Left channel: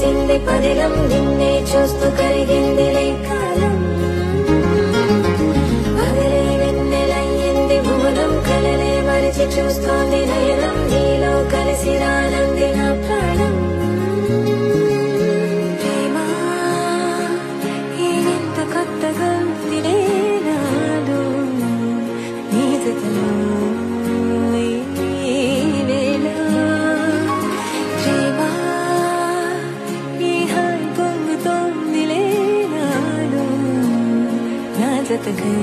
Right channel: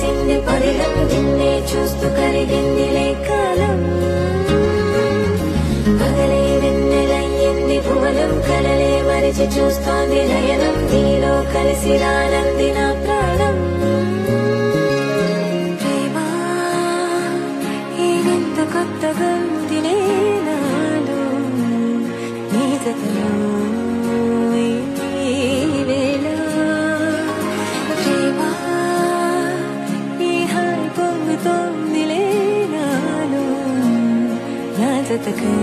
కలిసింది పదిలం నిన్నే చూస్తూ కరిగిందిలే కాలం పగలే వెన్నెలయ్యింది భువనం కలలే మరిచి చూస్తోంది నయనం నీలో కలిసి రానంది నా ప్రాణం ప్రేమ ఈ వింత కొత్తగా ఉందిలే నాలో నీ జతలో ఈ వేళ ప్రేమ ఈ హాయి పొంగుతోందిలే నాలో నా జతకై